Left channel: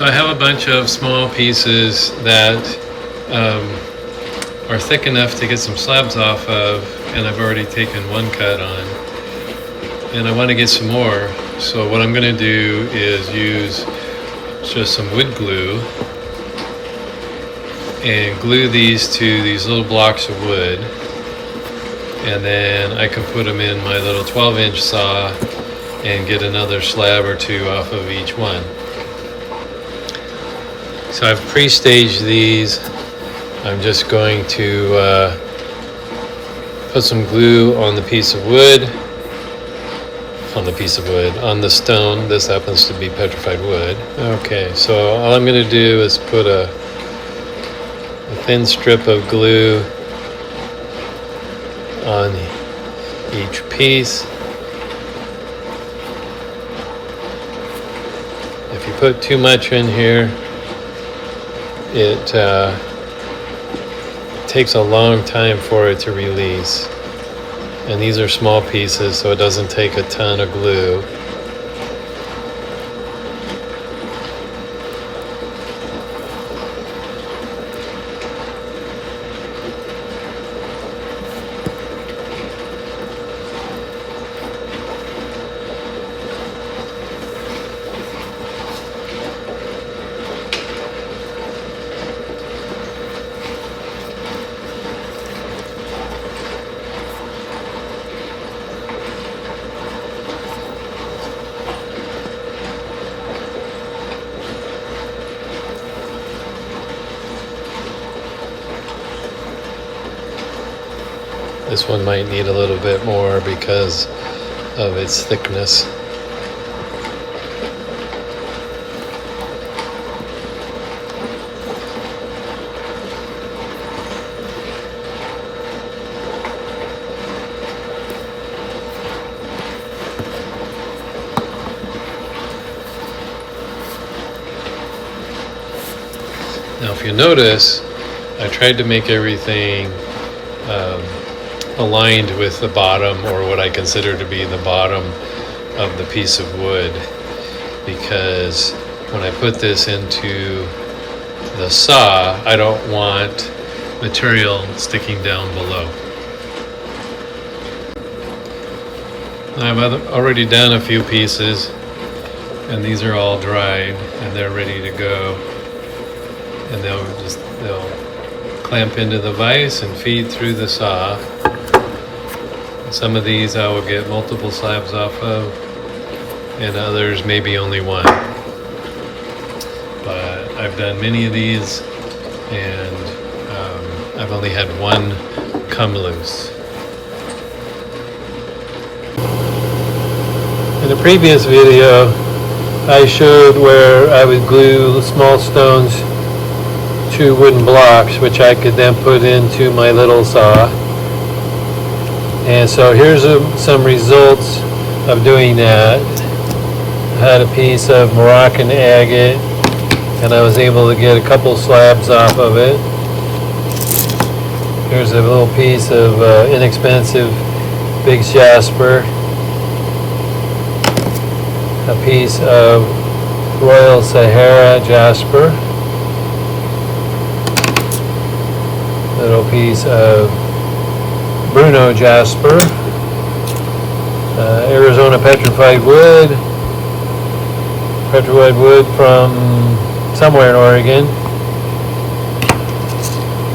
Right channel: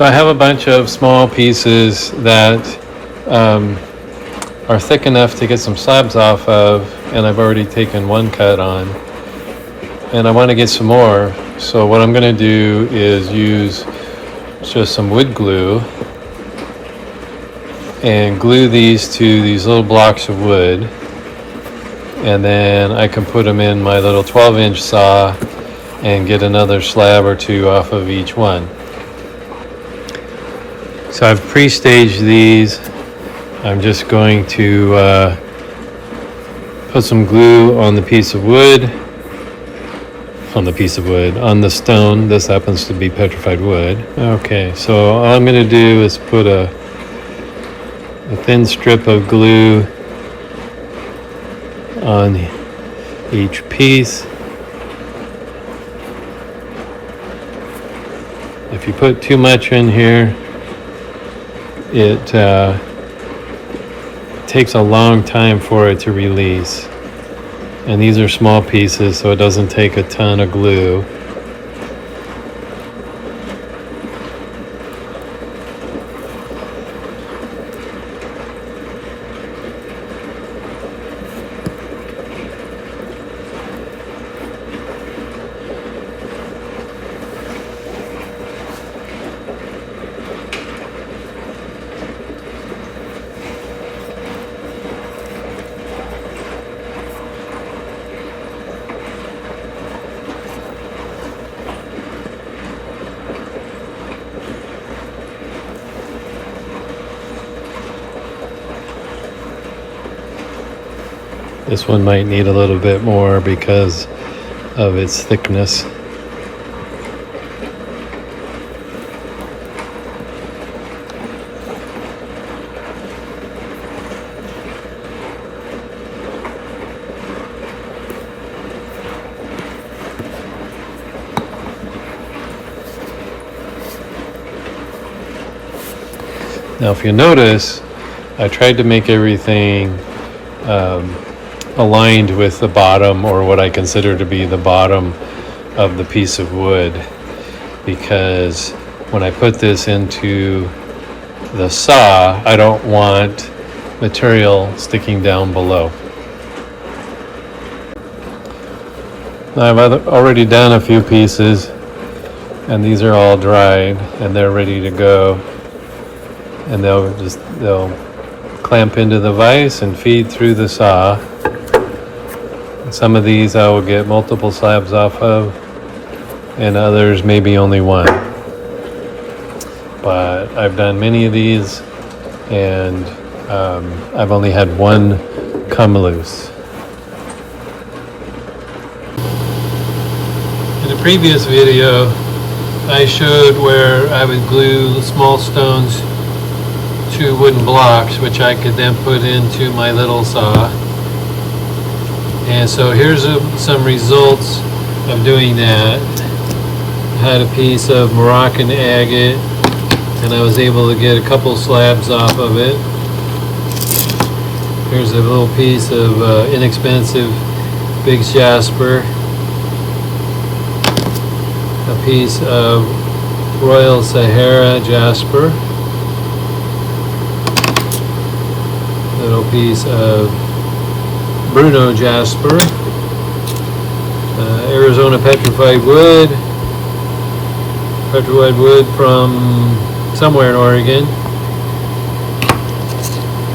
So I have a bunch of small pieces that are thick enough to get some slabs off of, and I've already taken one cut on, and I want to get some more. So what I'm going to do is use just some wood glue and glue these to these little blocks of wood, and then I can put them in my little 12-inch saw and get another slab or two off of each one. So I've pre-staged these. I'm just going to put some glue on the piece of wood, on the stone. This happens to be petrified wood. Okay, so all I'm going to do is put a thin strip of glue on each piece. If you put too much in here, it takes a long time for it to release. And these are small pieces, so it doesn't take a ton of glue. This one might need a little bit more because of its thickness. Now, if you notice, I tried to make everything aligned with the bottom, or what I consider to be the bottom of the piece of wood, because when I put this into the saw, I don't want material sticking down below. Now, I've already done a few pieces, and these are all dried and they're ready to go, and they'll clamp into the vise and feed through the saw. Some of these I will get multiple slabs off of, and others maybe only one. But I've done many of these, and I've only had one come loose. In the previous video, I showed where I would glue small stones to wooden blocks, which I could then put into my little saw. And so here's some results of doing that. I had a piece of Moroccan agate, and I was able to get a couple slabs off of it. Here's a little piece of inexpensive big jasper. A piece of Royal Sahara jasper. Little piece of Bruno jasper, Arizona petrified wood from somewhere in Oregon.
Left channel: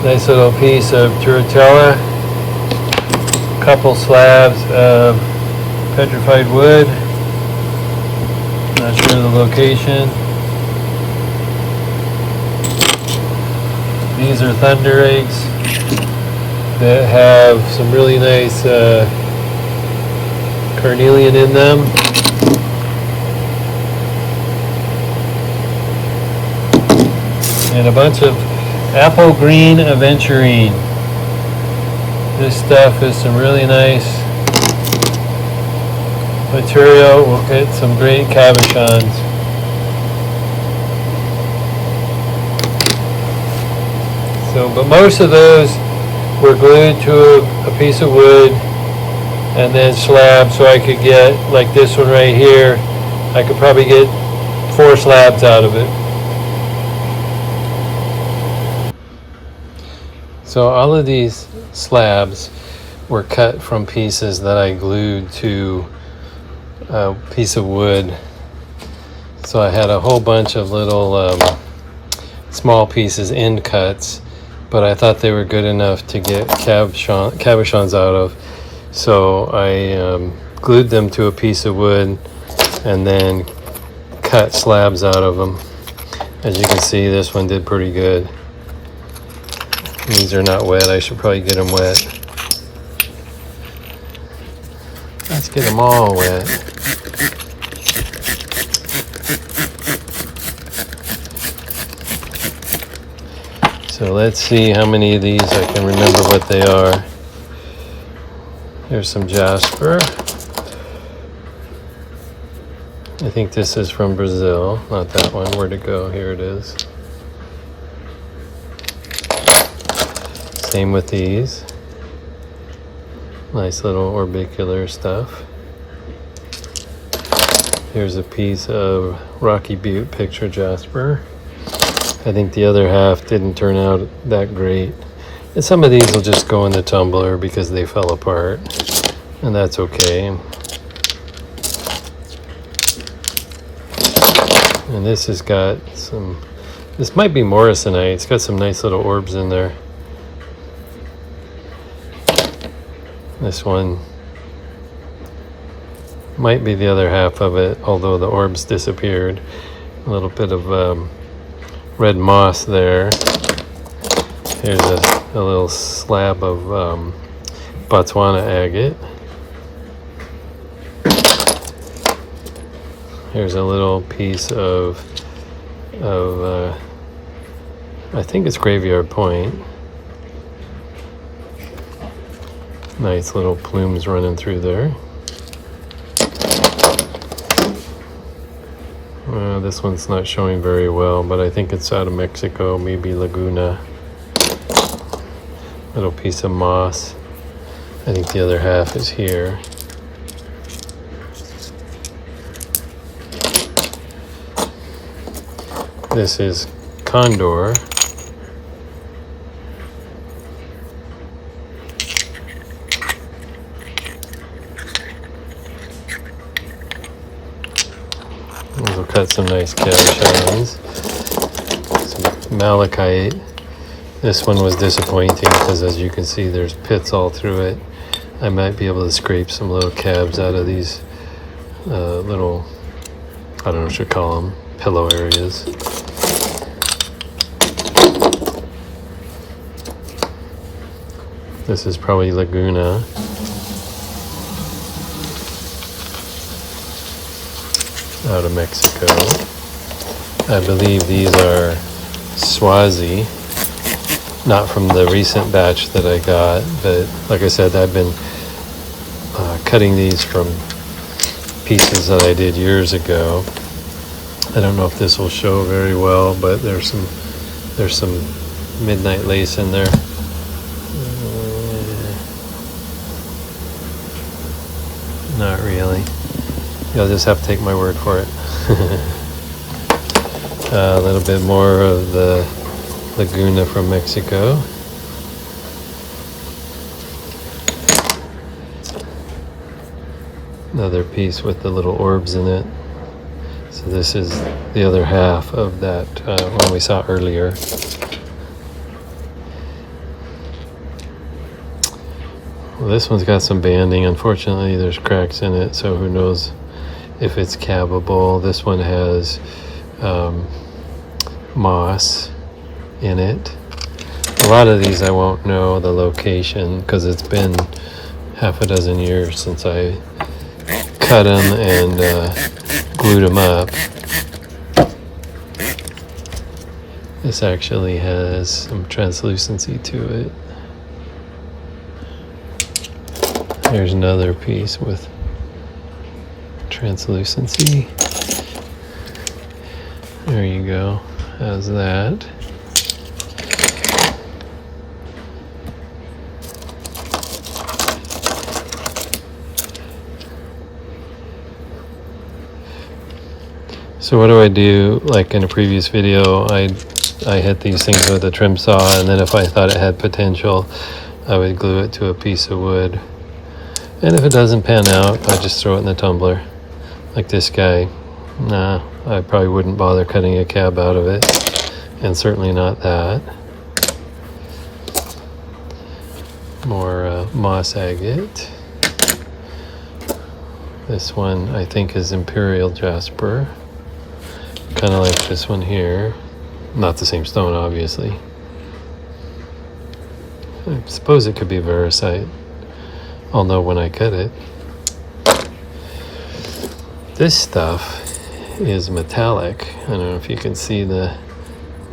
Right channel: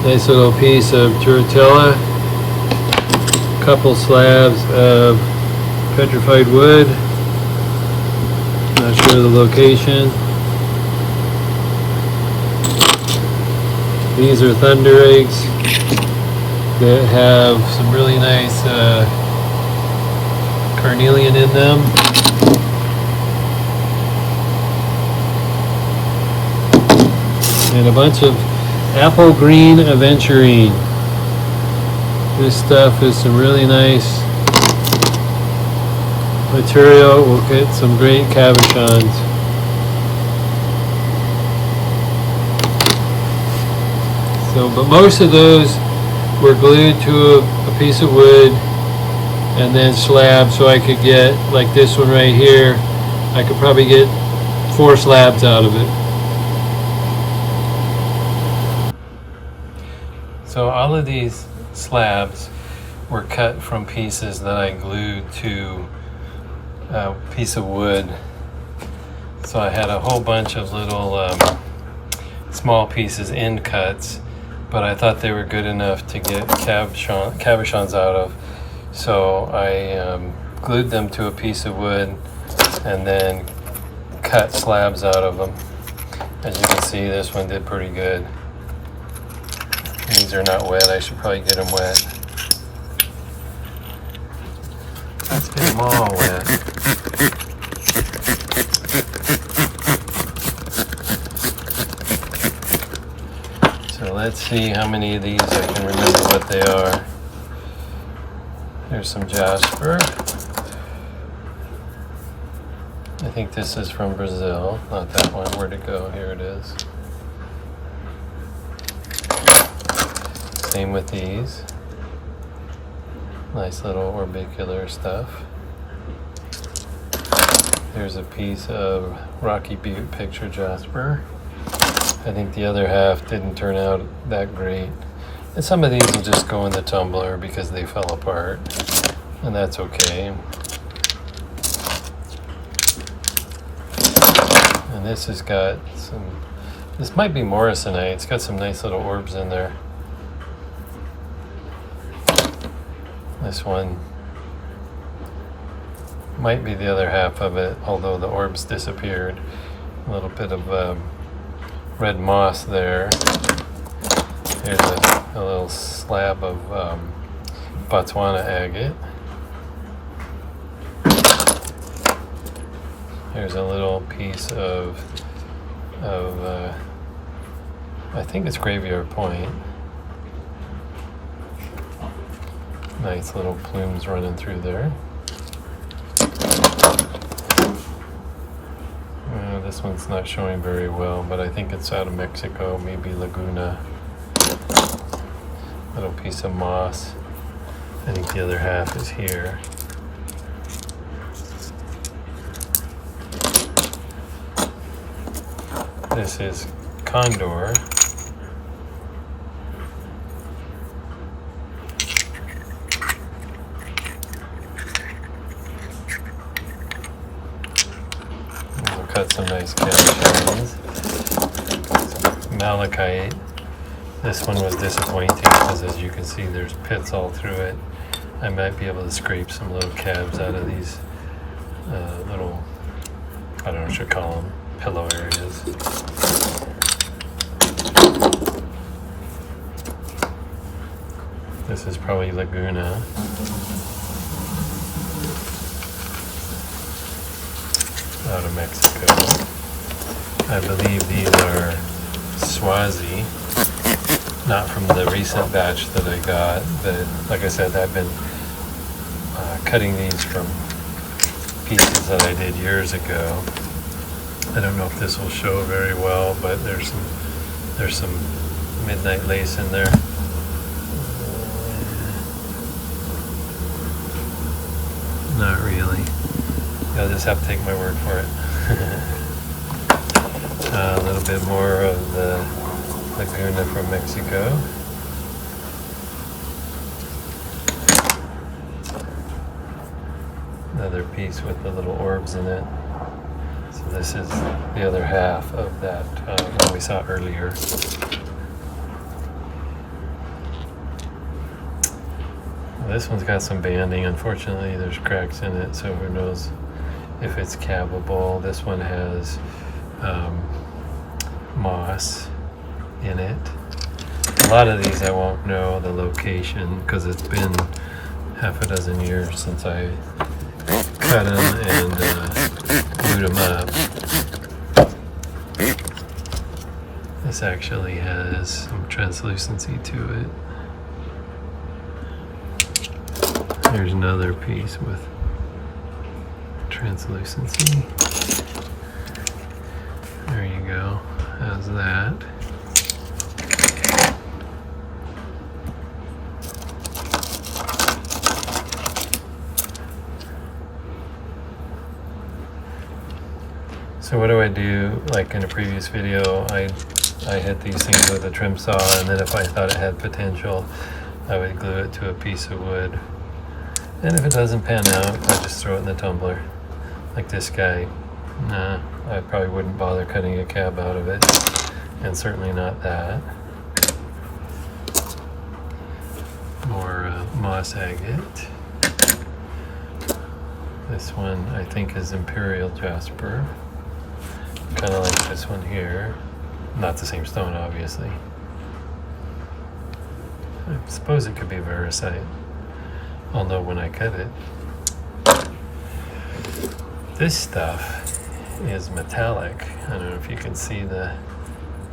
Nice little piece of Turritella, couple slabs of petrified wood, not sure the location. These are thunder eggs that have some really nice carnelian in them. And a bunch of apple green aventurine. This stuff is some really nice material. We'll get some great cabochons. So, but most of those were glued to a piece of wood and then slabbed, so I could get, like this one right here, I could probably get 4 slabs out of it. So all of these slabs were cut from pieces that I glued to a piece of wood. So I had a whole bunch of little small pieces, end cuts, but I thought they were good enough to get cabochons out of. So I glued them to a piece of wood and then cut slabs out of them. As you can see, this one did pretty good. These are not wet. I should probably get them wet. Let's get them all wet. So let's see how many of these I can remember what they are. Here's some jasper. I think this is from Brazil, not that one. Where'd it go? Here it is. Same with these. Nice little orbicular stuff. Here's a piece of Rocky Butte picture jasper. I think the other half didn't turn out that great. And some of these will just go in the tumbler because they fell apart. And that's okay. And this has got some, this might be morrisonite. It's got some nice little orbs in there. This one might be the other half of it, although the orbs disappeared. A little bit of red moss there. Here's a little slab of Botswana agate. Here's a little piece of I think it's Graveyard Point. Nice little plumes running through there. This one's not showing very well, but I think it's out of Mexico, maybe Laguna. Little piece of moss. I think the other half is here. This is Condor. We'll cut some nice cabochons. Some malachite. This one was disappointing because, as you can see, there's pits all through it. I might be able to scrape some little cabs out of these little, I don't know what you call them, pillow areas. This is probably Laguna. Out of Mexico. I believe these are Swazi. Not from the recent batch that I got, but like I said, I've been cutting these from pieces that I did years ago. I don't know if this will show very well, but there's some midnight lace in there. Not really. You'll just have to take my word for it. A little bit more of the Laguna from Mexico. Another piece with the little orbs in it. So this is the other half of that one we saw earlier. Well, this one's got some banding. Unfortunately, there's cracks in it, so who knows if it's cabbable. This one has moss in it. A lot of these I won't know the location because it's been half a dozen years since I cut them and glued them up. This actually has some translucency to it. There's another piece with translucency. There you go. How's that? So what do? Like in a previous video, I I hit these things with a trim saw, and then if I thought it had potential, I would glue it to a piece of wood. And if it doesn't pan out, I just throw it in the tumbler. Like this guy, nah, I probably wouldn't bother cutting a cab out of it, and certainly not that. More moss agate. This one I think is Imperial Jasper, kind of like this one here. Not the same stone, obviously. I suppose it could be Veracite. I'll know when I cut it. This stuff is metallic. I don't know if you can see the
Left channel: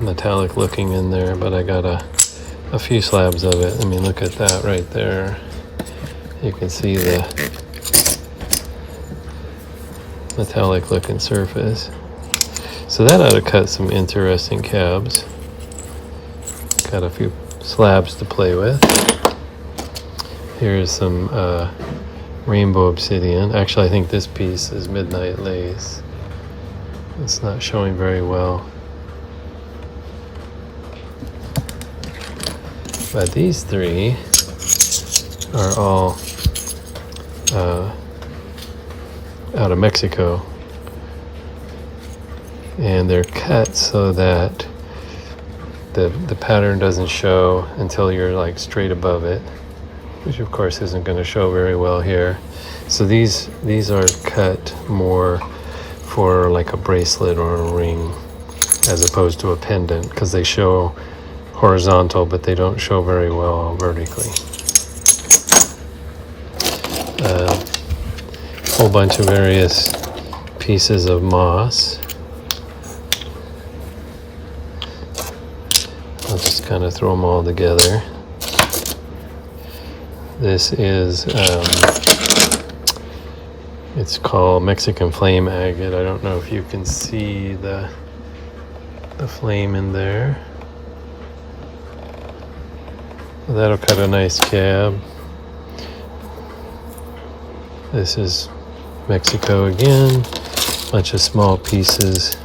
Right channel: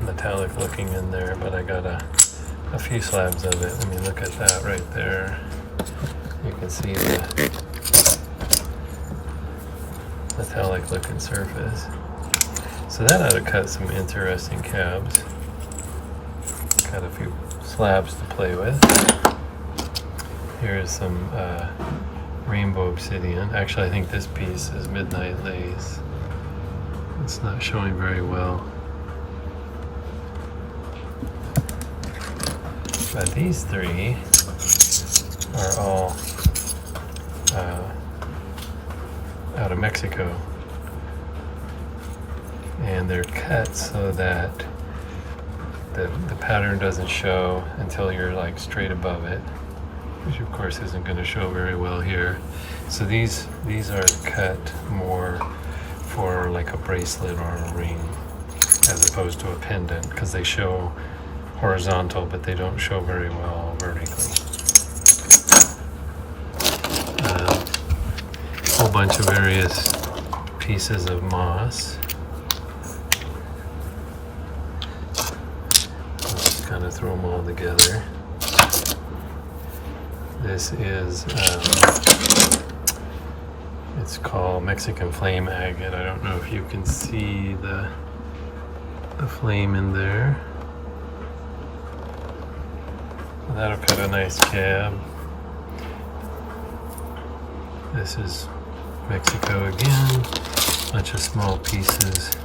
metallic looking in there, but I got a few slabs of it. I mean, look at that right there. You can see the metallic looking surface. So that ought to cut some interesting cabs. Got a few slabs to play with. Here's some rainbow obsidian. Actually, I think this piece is Midnight Lace. It's not showing very well. But these three are all out of Mexico. And they're cut so that the pattern doesn't show until you're like straight above it, which of course isn't going to show very well here. So these are cut more for like a bracelet or a ring as opposed to a pendant, because they show horizontal but they don't show very well vertically. Whole bunch of various pieces of moss. I'll just kind of throw them all together. This is, it's called Mexican flame agate. I don't know if you can see the flame in there. That'll cut a nice cab. This is Mexico again. Bunch of small pieces.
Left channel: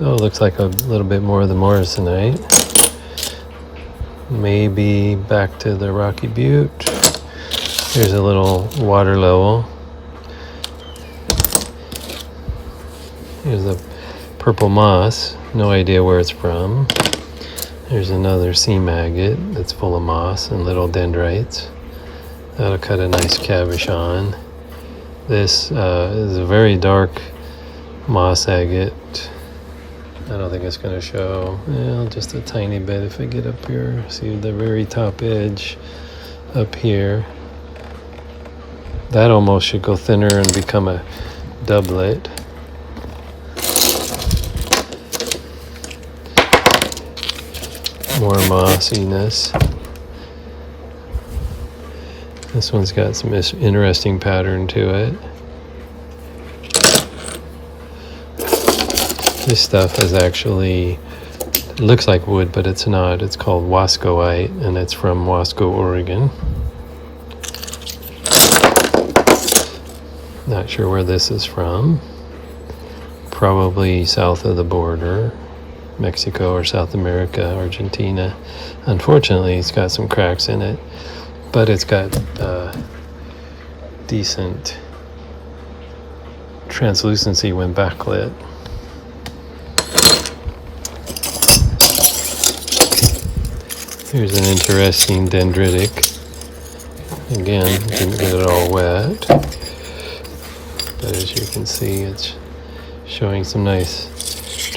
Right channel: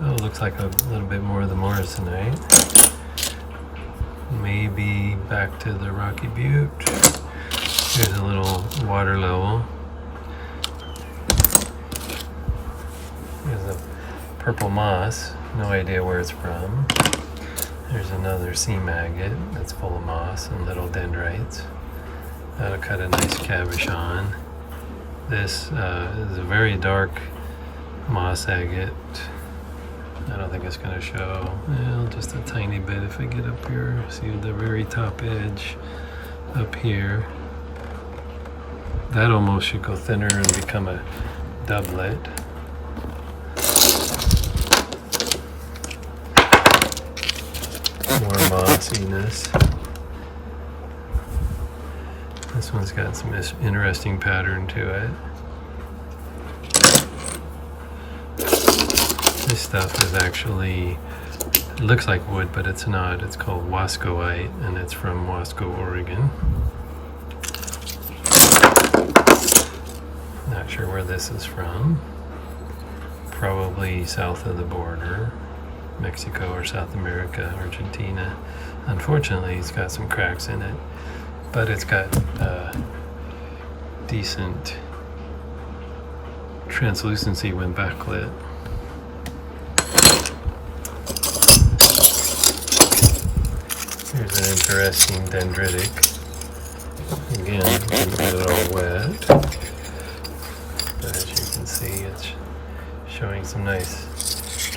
Oh, looks like a little bit more of the Morrisonite. Maybe back to the Rocky Butte. Here's a little water level. Here's a purple moss. No idea where it's from. There's another seam agate that's full of moss and little dendrites. That'll cut a nice cabochon. This is a very dark moss agate. I don't think it's going to show. Well, just a tiny bit if I get up here. See the very top edge up here. That almost should go thinner and become a doublet. More mossiness. This one's got some interesting pattern to it. This stuff is actually, it looks like wood, but it's not. It's called Wascoite, and it's from Wasco, Oregon. Not sure where this is from. Probably south of the border, Mexico or South America, Argentina. Unfortunately, it's got some cracks in it, but it's got decent translucency when backlit. Here's an interesting dendritic. Again, didn't get it all wet, but as you can see, it's showing some nice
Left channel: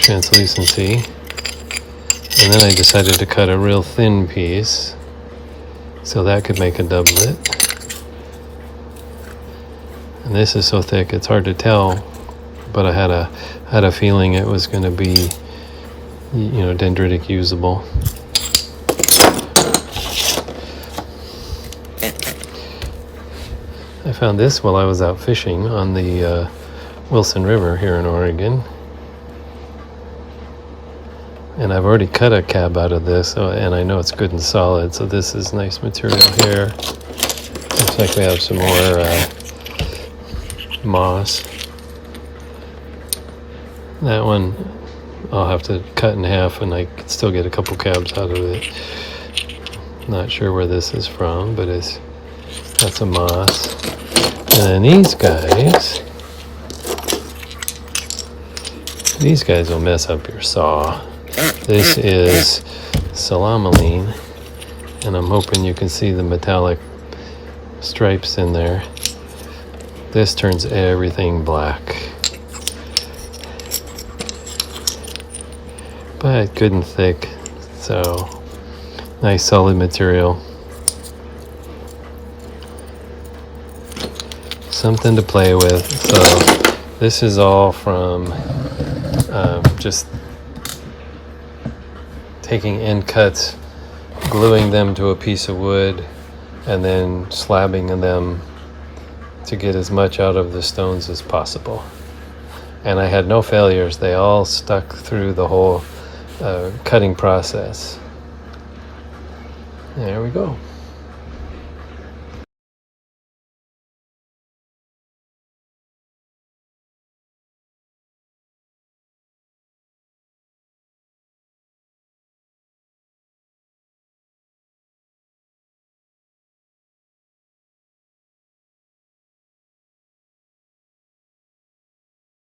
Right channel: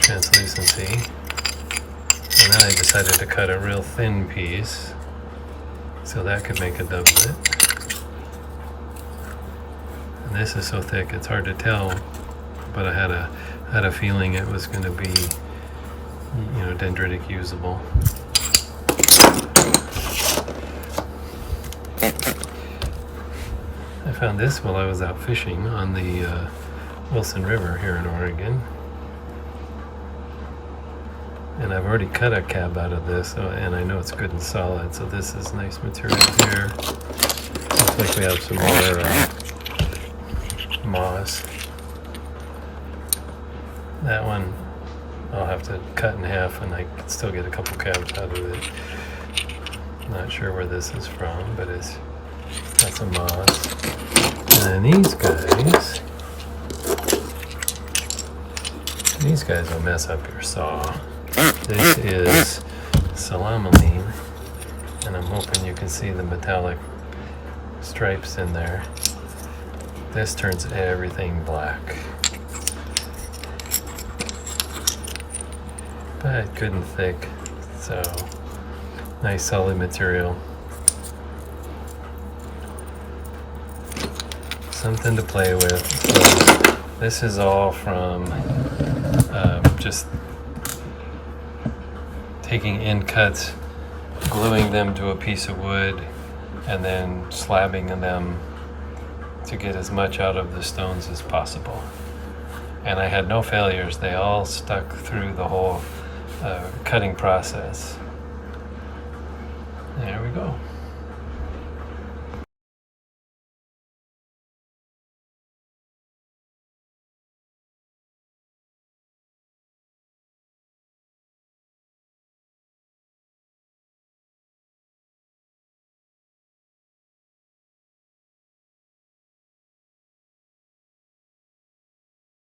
translucency. And then I decided to cut a real thin piece, so that could make a doublet. And this is so thick it's hard to tell, but I had a feeling it was going to be, you know, dendritic usable. I found this while I was out fishing on the Wilson River here in Oregon. And I've already cut a cab out of this, and I know it's good and solid, so this is nice material here. Looks like we have some more moss. That one I'll have to cut in half and I can still get a couple cabs out of it. Not sure where this is from, but that's a moss. And then these guys will mess up your saw. This is salamaline, and I'm hoping you can see the metallic stripes in there. This turns everything black. But good and thick, so nice solid material. Something to play with. So this is all from just taking end cuts, gluing them to a piece of wood, and then slabbing them to get as much out of the stones as possible. And I had no failures. They all stuck through the whole cutting process. There we go.